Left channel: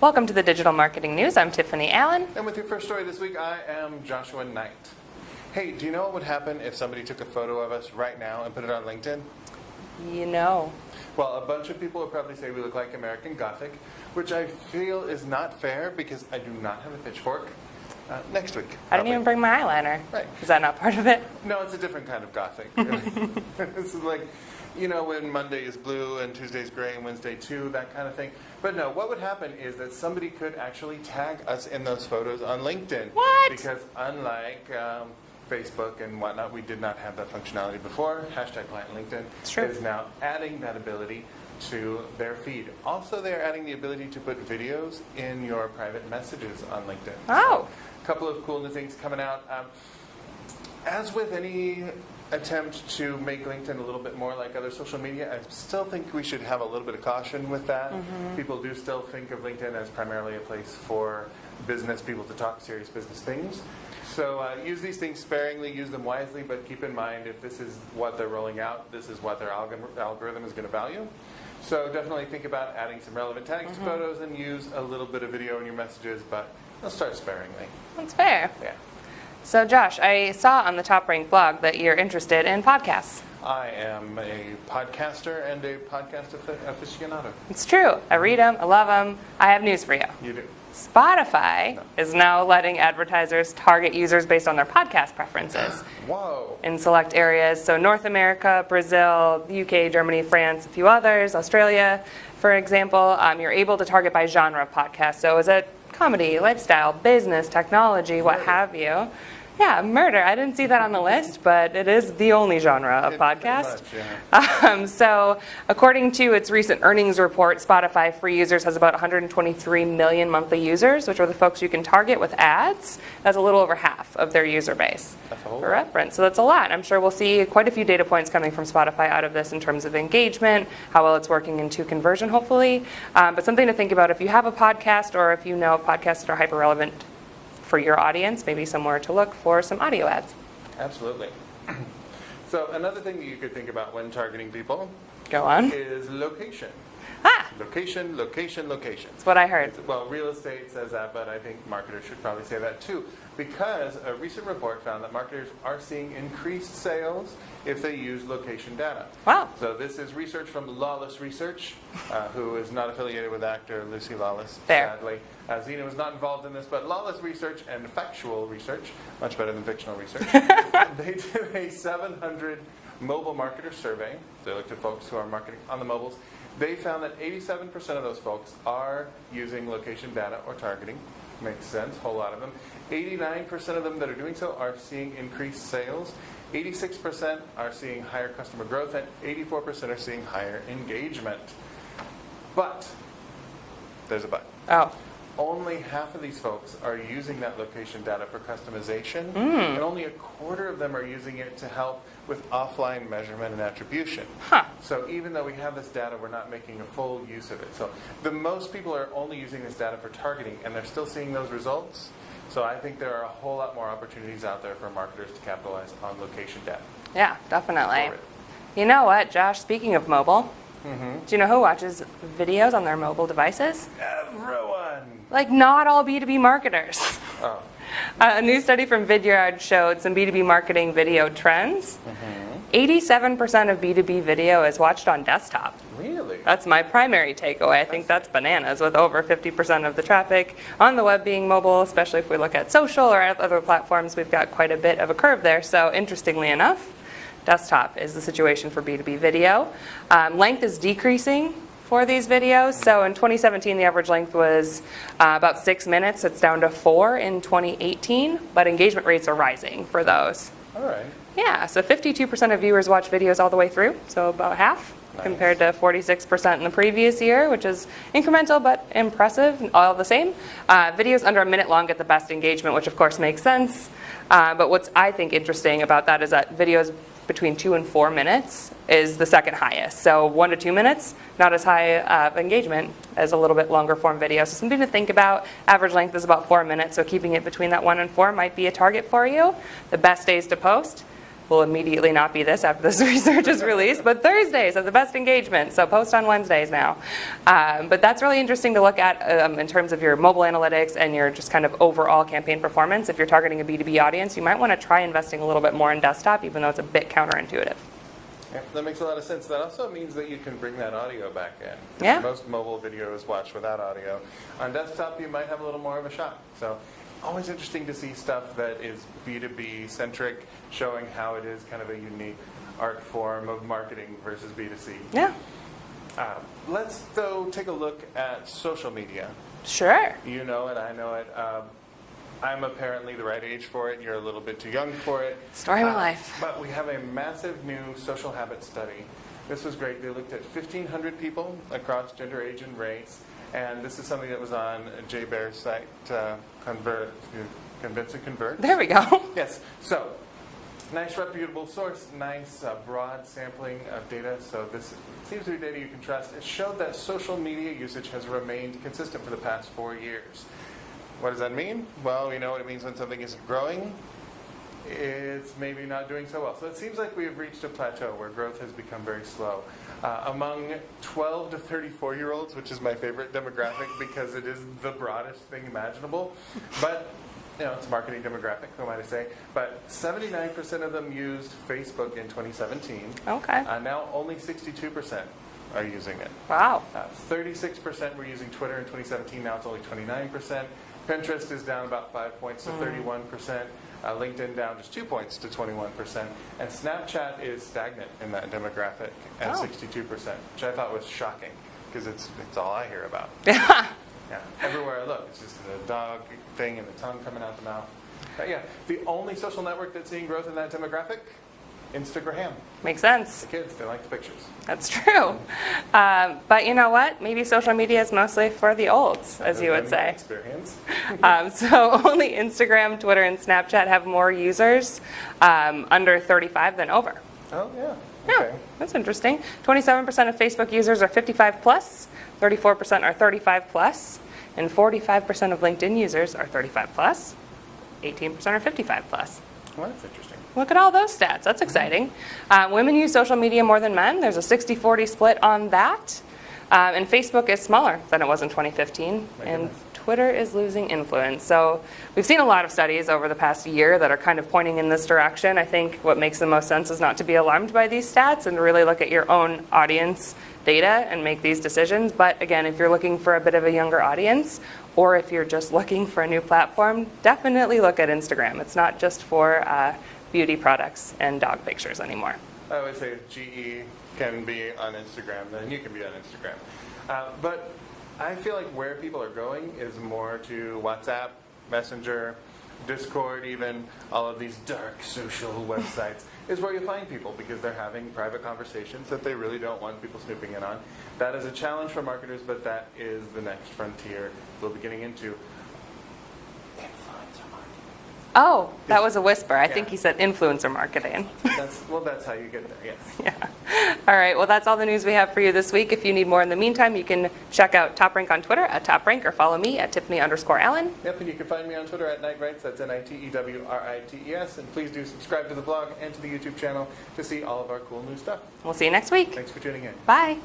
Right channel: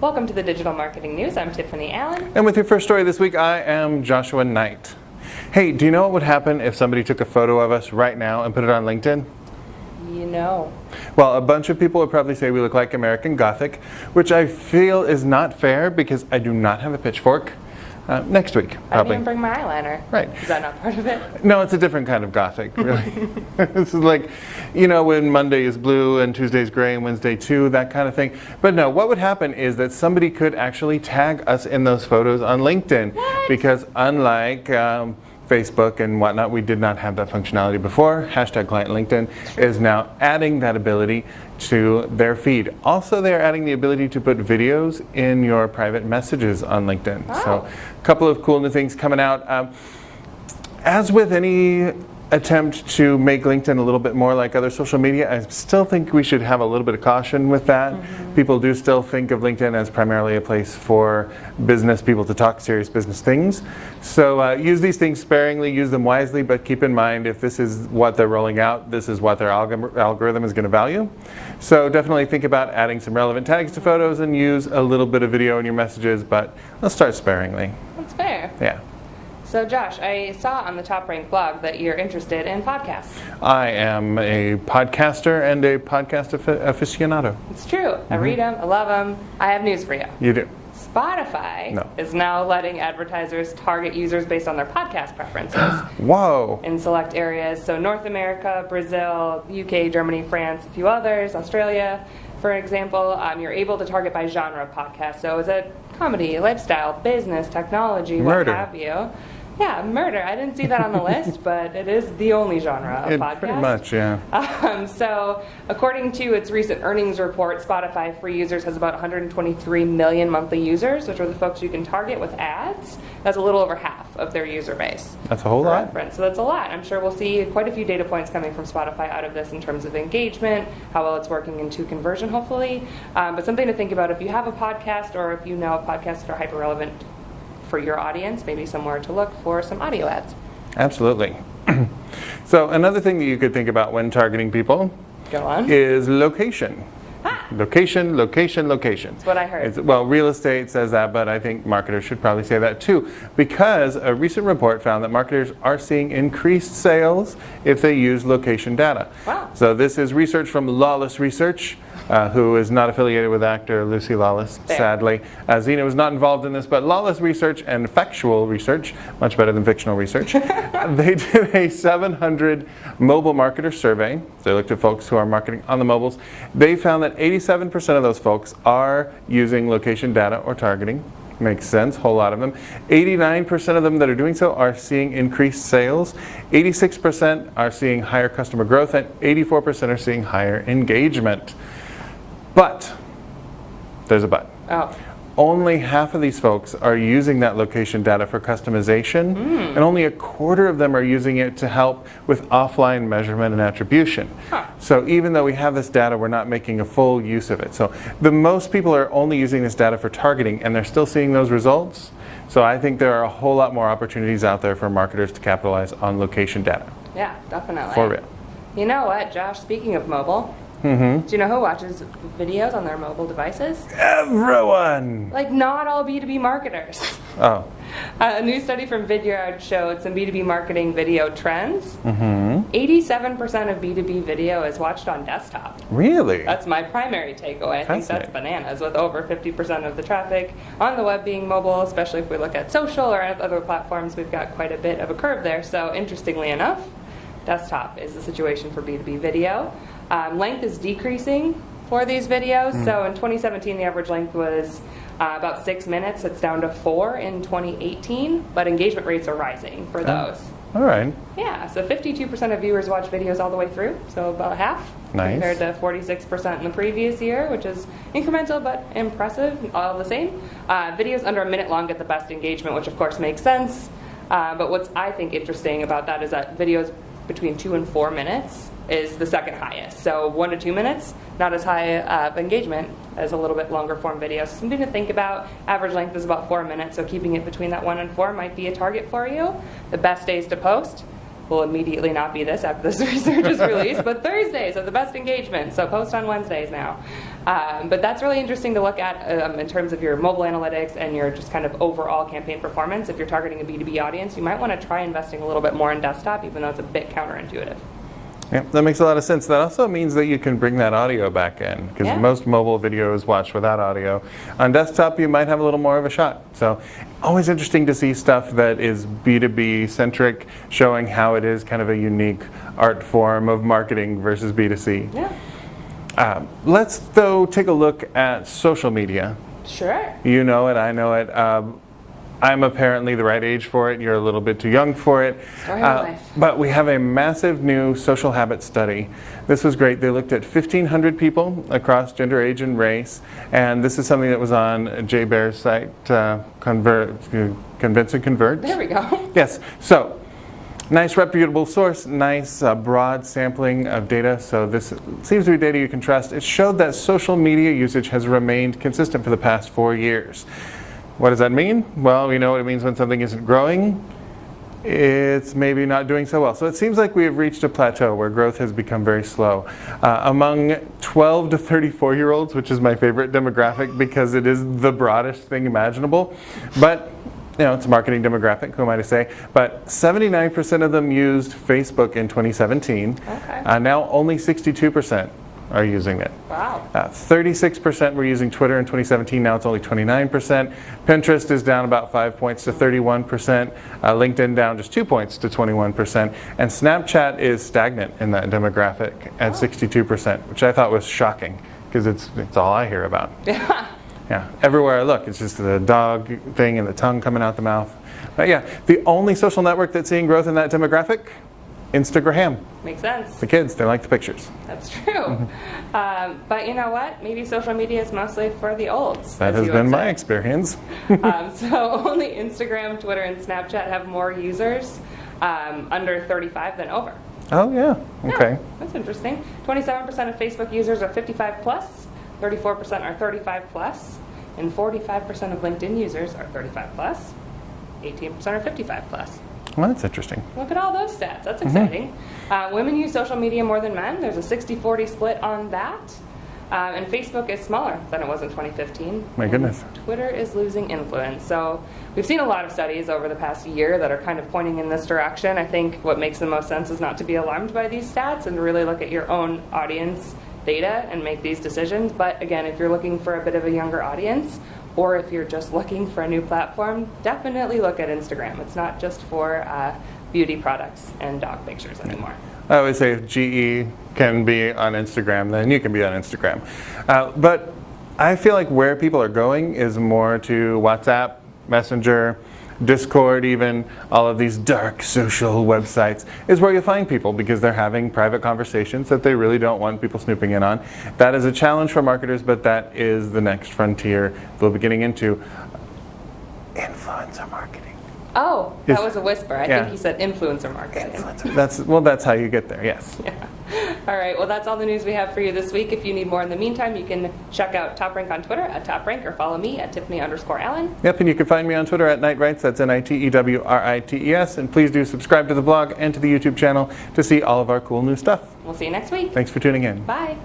Welcome to the Digital Marketing News. I'm Tiffani Allen. And with your first story this week, I am Joshua Nite. Hey, do you know what would happen if somebody took a photo of us right now and put it on LinkedIn? You know. Well, a bunch of people would probably say we look like American Gothic, which I feel is not fair because I do not have a pitchfork. Next week, I didn't even bring my eyeliner. Right. Is that not part of it? No, it's a different kind of Gothic, really. This is like, you know, when Monday is blue and Tuesday is gray and Wednesday too, that kind of thing. But no, what would happen is that somebody could actually tag us in those photos on LinkedIn. What? Because unlike Facebook and whatnot, we did not have that functionality before. Hashtag client LinkedIn is now adding that ability to their feed. Also, they're adding the ability to put videos in your private messages on LinkedIn. Oh. So a couple of cool new things coming out. As with any attempt to make LinkedIn a little bit more like other social media, I still think we should have a little bit of caution with that. People do still think of LinkedIn as primarily a place for business people to talk serious business things. So use these things sparingly, use them wisely, but keep in mind if this is what they're rolling out, this is what their algorithm is going to value. So definitely think about adding some relevant tags to photos and use a little bit of video in your messages, but let's start sparingly. That's fair. Yeah. So Josh, I saw on the TopRank blog that you're interested in podcasts. I am a podcaster and a podcast aficionado. It's true. I read them. I love them. I have news for you. You do. Spotify is now letting advertisers target users based on their podcast preferences Whoa. in select areas. So North America, Brazil, UK, Germany, France, a few others, Australia, for example. You're able to target by genre of podcast. So is it comedy, lifestyle, business, technology, what have you? Yeah, murder. I didn't see that on the list, but it is the only genre of podcast. Pretty much, yeah. So according to its recent earnings report, Spotify free users has about 123 million monthly users, which are the folks you can target with ads. That's a little over half of their user base. That's a whole For lot. reference. So that's a lot. I'm sure we'll see quite a few data points coming from Spotify out of this in terms of engagement, how well it's working into conversion, hopefully. But something to think about if you have a podcast or if you know podcasts that are hyper-relevant for your audience, maybe somewhere to look for some audio ads. Absolutely. So another thing that you could think about when targeting people Go on. is location. Location, location, location. That's what I heard. Well, real estate says that, but I think marketers should probably say that too, because a recent report found that marketers are seeing increased sales if they use location data. Wow. So this is research from Lawless Research, who is not affiliated with actor Lucy Lawless, sadly. Xena was not involved in this, but Lawless Research and Factual Research, much better than fictional research, they did a 700 mobile marketer survey. They looked at folks who are marketing on the mobiles. They found that 87% of those folks are using location data or targeting. Makes sense, a whole lot of them. 89% of them that are doing so are seeing increased sales. 86% are seeing higher customer growth, and 84% are seeing higher engagement. But, there's a but. Oh. Only half of these folks are using that location data for customization, and only a quarter of them are using it to help with offline measurement and attribution. So even though we have this data, we're not making a full use of it. So the most people are only using this data for targeting, and they're still seeing those results. So I think there are a whole lot more opportunities out there for marketers to capitalize on location data. Yeah, definitely. For real. You know what, Josh, speaking of mobile, do you know who watches videos on their mobile devices? Everyone! Like, not all B2B marketers. Oh. A new study from Vidyard showed some B2B marketing video trends. 87% of B2B video is watched on desktop. Really? That's my primary takeaway. I think that's bananas, with over 50% of the traffic on the web being mobile, especially if we look at social or other platforms. We've got quite a bit of a curve there. So interestingly enough, desktop is the situation for B2B video. Length is decreasing for these videos. So in 2017, the average length was about 6 minutes. It's down to 4 in 2018, but engagement rates are rising for those. All right. Yeah, so 52% of viewers watch videos all the way through, so about half. Nice. Compared to 46% in the previous year, which is incremental but impressive, all the same. Videos under a minute long get the best engagement, which of course makes sense. But what's I think interesting about that is that videos between 2 and 4 minutes is the second highest. So 1 to 2 minutes, not as high of engagement as a little bit longer form video. So something to think about. Average length is about 4 minutes, so keeping it between that 1 and 4 might be a target for you. The best days to post: will immediately not be this after this research is released, but Thursdays are the best engagement, so post on Wednesdays now. But that's really interesting to look at in terms of your mobile analytics and your just kind of overall campaign performance. If you're targeting a B2B audience, you might want to try investing a little bit more in desktop, even though it's a bit counterintuitive. Yeah, that makes a lot of sense. That also means that you can bring that audio back in, because most mobile video is watched without audio. On desktop, you might have a little more of a shot. So always interesting to see stuff that is B2B centric, showing how it is kind of a unique art form of marketing versus B2C. Yeah. Let's, though, take a look at social media. Sure. You know it, I know it. I'm apparently the right age for it. You're a little bit too young for it. Story of my life. But we have a massive new social habit study. This was great. They looked at 1,500 people across gender, age, and race. And this is something that was on Jay Baer's site, Convince and Convert. There we go. Yes. So, nice reputable source, nice broad sampling of data. So this seems to be data you can trust. It showed that social media usage has remained consistent for the past 4 years. What does that mean? Well, we know what it means when something isn't growing. It's maybe not doing so well. So it seems like we have reached a plateau where growth has become very slow. Among 12 to 34-year-olds, which is my favorite demographic because it is the broadest thing imaginable. But, you know, it's a marketing demographic, who am I to say? But 79% of them used Facebook in 2017. Okay. Now only 62% are using it. Wow. 36% were using Twitter in 2017. Now it's only 29%. Pinterest is down about 5 points to 31%. LinkedIn down just 2 points to 21%. And Snapchat is stagnant in that demographic at 62%, which I thought was shocking because it's all I hear about. Yeah. Everywhere I look, it's just the dog thing and the tongue coming out the mouth. But yeah, the only social network that's seeing growth in that demographic, Instagram. Makes sense. The kids, they like the pictures. That's true. But you know what? Maybe social media is mostly for the olds. That has been my experience. So only Instagram, Twitter, and Snapchat have more users under 35 than over. Oh, yeah. Okay. Yeah, that's interesting. 27% of Facebook users are 55 plus, 34% are 35 plus, and 45% of LinkedIn users are 35 plus, 18% are 55 plus. Well, that's interesting. Look at all those stats. That's exciting. Women use social media more than men. There's a 60-40 split on that. And Facebook is smaller than it was in 2015. My goodness. Twitter is losing influence. So we've seen a lot of studies over the past year that are kind of pointing in this direction. I think what makes the most sense is not to be alarmed by these stats and to really look at your own audience data and make these decisions. But again, if you're looking for a bit of a younger audience, or if you're just looking for a new platform, definitely look at Instagram. It's not just for beauty products and dog pictures anymore. I always say if GE can be on Instagram, then you can be on Instagram. But I feel like where people are going is more to WhatsApp, Messenger, Discord, even all of these dark social websites is where you find people because they're having private conversations that they really don't want people snooping in on. That is a challenge for marketers, but that is the next frontier we'll be getting into. Influencer marketing. Oh, that was a whisper. I Yeah. think he said influencer marketing. That's how you get there, yes. Yeah. All right, well, that's all the news we have for you this week. If you need more in the meantime, you can check out TopRank on Twitter at TopRank or follow me at Tiffani_Allen. Yep, and you can find me on Twitter at Nitewrites, that's Nitewrites, and please do subscribe to the blog and to the YouTube channel to see all of our cool new stuff. We'll see you next week. Thanks for tuning in. Bye.